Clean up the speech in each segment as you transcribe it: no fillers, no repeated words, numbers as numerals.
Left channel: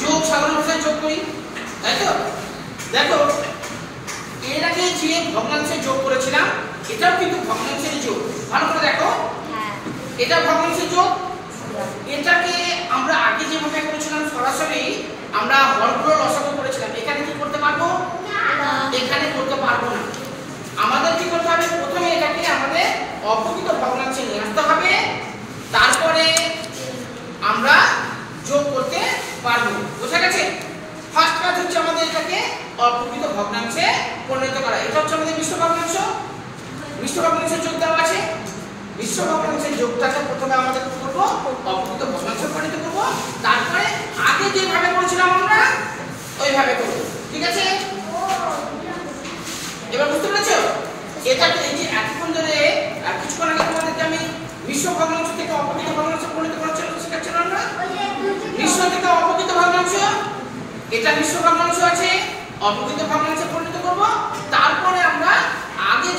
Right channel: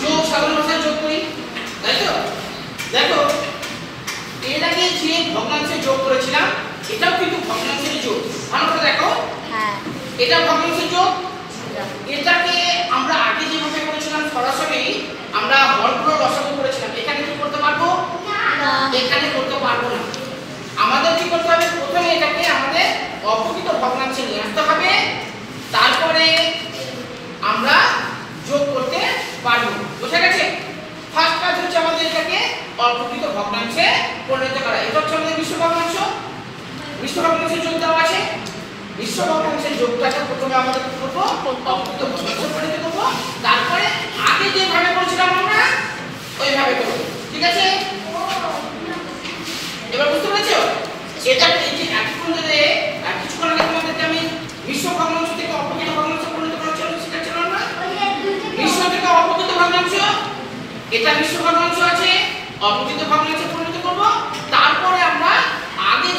যোগ সাধারণ ভাষায় যোগ করি, তাই তো? দেখো এর আগে যে ভগ্নাংশে যোগ করেছিলাম এটাও কিন্তু ভগ্নাংশের যোগ। ভালো করে দেখো, এটা ভগ্নাংশের যোগ। এটাকে আমরা আগে যেভাবে করেছিলাম সরাসরি আমরা হরগুলো লসাগু করেছিলাম, এখানে কি করতে পারবো না, এখানে করতে পারবো না। আমাদের কি করতে হবে, প্রথমে এটাকে আমাদের অপ্রকৃত ভগ্নাংশে নিয়ে আসতে হবে, তারপরে আমরা যোগ করতে পারবো। বুঝা গেছে? ফার্স্ট কাজ হচ্ছে আমাদের এটাকে অপ্রকৃত ভগ্নাংশে পরিণত করা। এটা হচ্ছে আমাদের মিশ্র ভগ্নাংশ। মিশ্র ভগ্নাংশের যোগ দেওয়া আছে। মিশ্র ভগ্নাংশের যোগটাকে প্রথমে আমাদের কি করব, অপ্রকৃত ভগ্নাংশে পরিণত করব, তারপরে আগে যেভাবে করেছিলাম আমরা ওইভাবে করব। ঠিক আছে? এবার বুঝতে পেরেছো? এটা এই যে এতক্ষণ ধরে কিছুক্ষণ আগে তোমাদেরকে আমি মিশ্র ভগ্নাংশ থেকে অপ্রকৃত ভগ্নাংশে পরিণত করার জন্য শিখাচ্ছিলাম না? মিশ্র থেকে অপ্রকৃত ভগ্নাংশ, এটা মিশ্র ভগ্নাংশ আছে, অপ্রকৃত ভগ্নাংশে পরিণত করব, তারপরে আমরা আগে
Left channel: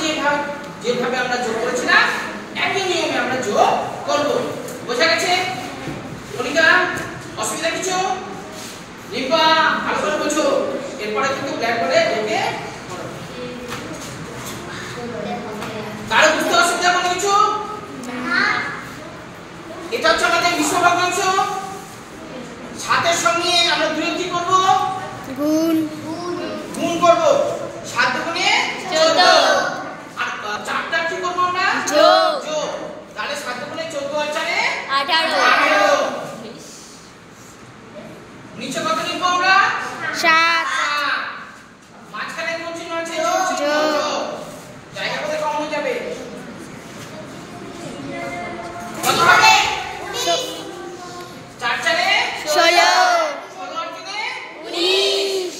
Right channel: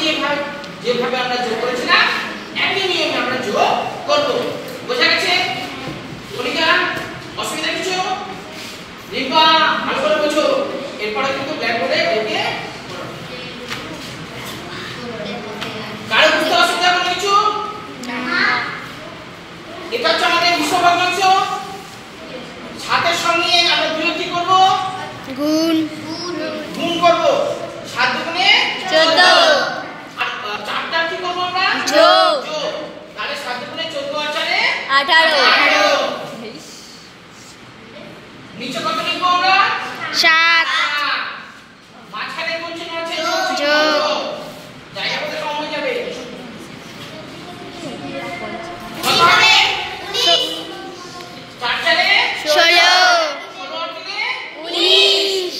যেভাবে আমরা যোগ করেছিলাম একই নিয়মে আমরা যোগ করব। বোঝা গেছে? মনিকা অসুবিধা কিছু? রিম্পা ভালো করে বুঝো, এরপরে কিন্তু ব্ল্যাকবোর্ডে দেখে কারো বুঝতে অসুবিধা কোনো কিছু? এটা হচ্ছে আমাদের মিশ্র ভগ্নাংশ। সাতের সঙ্গে আমরা দুই কি করব, গুণ গুণ করব। 7 দুগুণে 14, আর 4টা কি করব আমরা, যোগ। তাহলে 7 দুগুণে 14 আর 4 এ 18। নিচে কত লিখব আমরা, 7। মাঝখানে কোন চিহ্ন আছে, যোগ। জায়গা কত কম হয়ে যাবে, কত হবে, 4 4 এ 16। 16 আর 3 এ 19।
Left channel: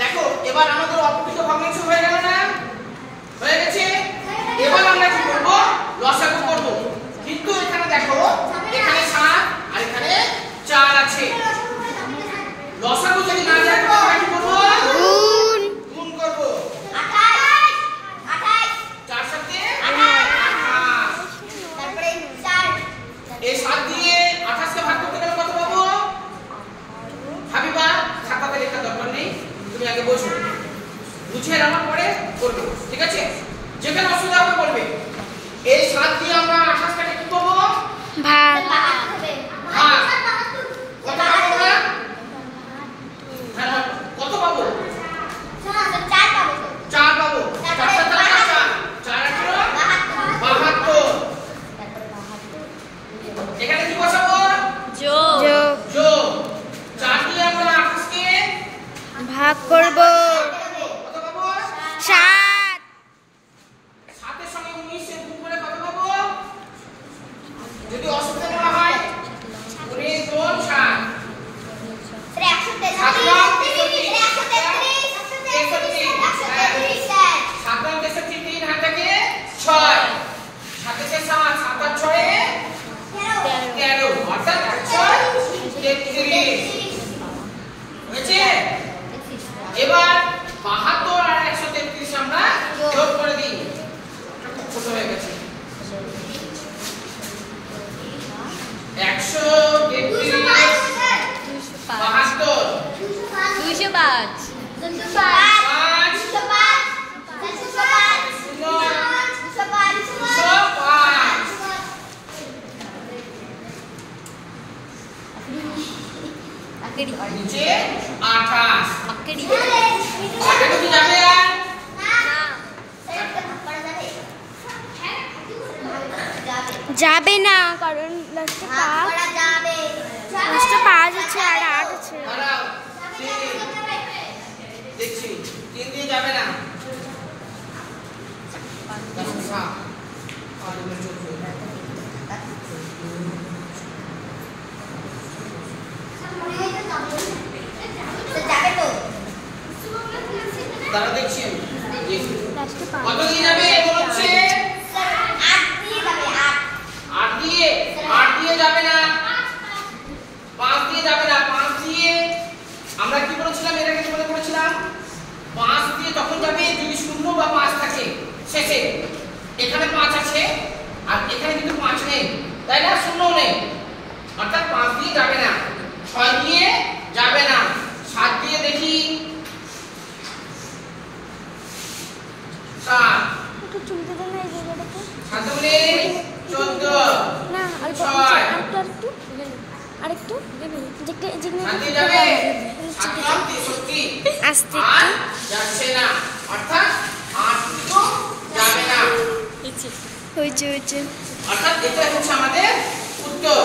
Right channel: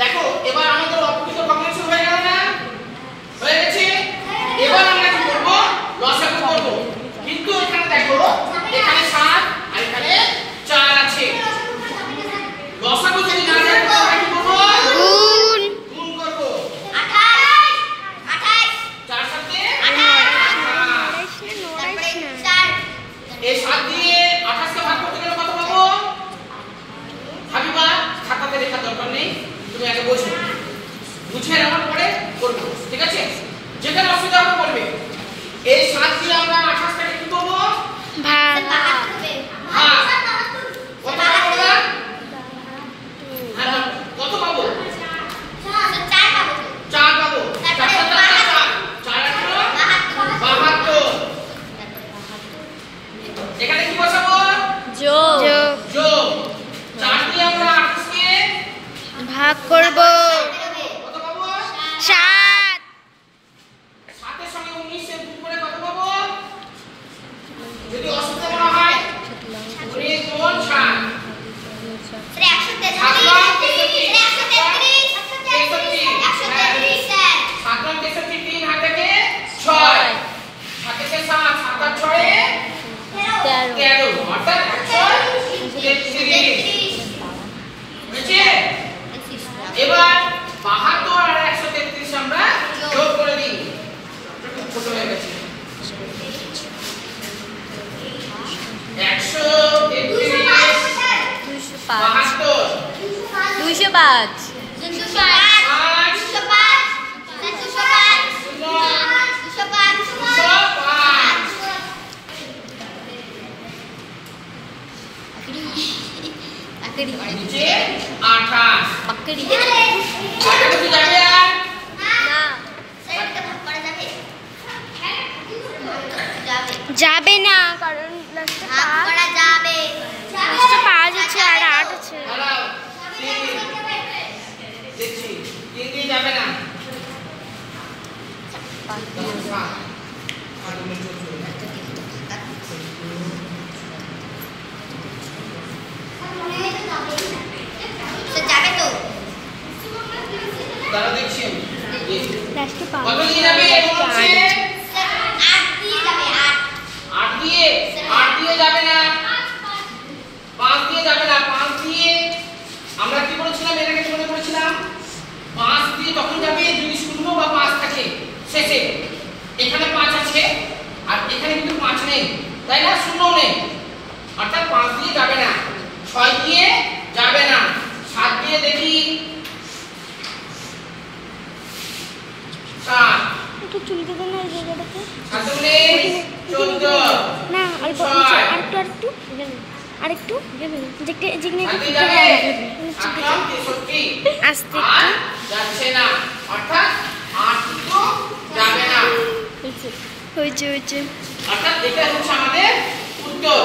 দেখো এবার আমাদের অপ্রকৃত ভগ্নাংশ হয়ে গেল না, হয়ে গেছে। এবার আমরা কি করব, লসাগু করব। কিন্তু এখানে দেখো এখানে 7 আর এখানে 4 আছে, লসাগু যদি না যায় তাহলে আমরা কি করব, গুণ গুণ করব। 28 4 সাথে 28, এই 7 দিয়ে 28 কে ভাগ করতে গেলে কত পাবো, হাবিবা খাতাতে লেখার দরকার নেই, তুমি আগে বোঝো, বুঝে নেওয়ার পরে করবে। ঠিক আছে? যেখানে অসুবিধা হবে বলবে। এই 7 দিয়ে আমরা 28 টাকে কি করব, ভাগ। ভাগ। কত পাবো আমরা, হ্যাঁ কত পাবো, 4 পাবো। 4 7 4, 4 8 72। এখানে কি বসাবো, যোগ। যোগ। 4 দিয়ে আমরা 28 কে ভাগ করব। কত পাবো, 7। 7 এর সঙ্গে 19 এর গুণ করে কত পাবো, যদি অসুবিধা না হয় 19 গুণ 7 3 হাতে 6, 7 থেকে 7, 7 আর 6 এ 13, অর্থাৎ 133 হয়েছে। এবার 72 আর 133 আমরা যোগ করে দিই, ছোট হয়ে গেছে। 133 72 205। নিচে 28 पकड़ी আগে কি যাবে আর যাবে না, কারণ লাস্টে 5 আছে আর 8 আছে। দাঁড়াও, দেখছি 3 দিয়ে যাবে না, 7 আর 14 দাঁড়া দেখছি আমি লাস্টে কত দিয়ে যাবে, বলছে 8 দিয়ে যাবে না, 5 দিয়ে যাবে না। 5 দিয়ে আমরা কি করেছিলাম, এর আগে তোমাদের করেছিলাম 5 দিয়ে তখন যাবে যদি 0 বা 5 থাকে শেষে। এখানে 5 আছে আর এখানে কিন্তু 5 নেই, তাই না? শূন্য নেই, অর্থাৎ 5 দিয়ে যাবে না, 6 দিয়ে যাবে না, 7 দিয়ে দেখি 7 একটু চুলকে দেন না এই জায়গাটাতে। 7 দুগুণে 14 না অল্প ছয়। আরেকটু আরেকটু যেখানে যেখানে হাতে যাবে 7 63 আস্তে আর একটু যাচ্ছে না, অর্থাৎ 8 তো যাবে না, হয়েছে অর্থাৎ এটা হচ্ছে আমাদের উত্তর।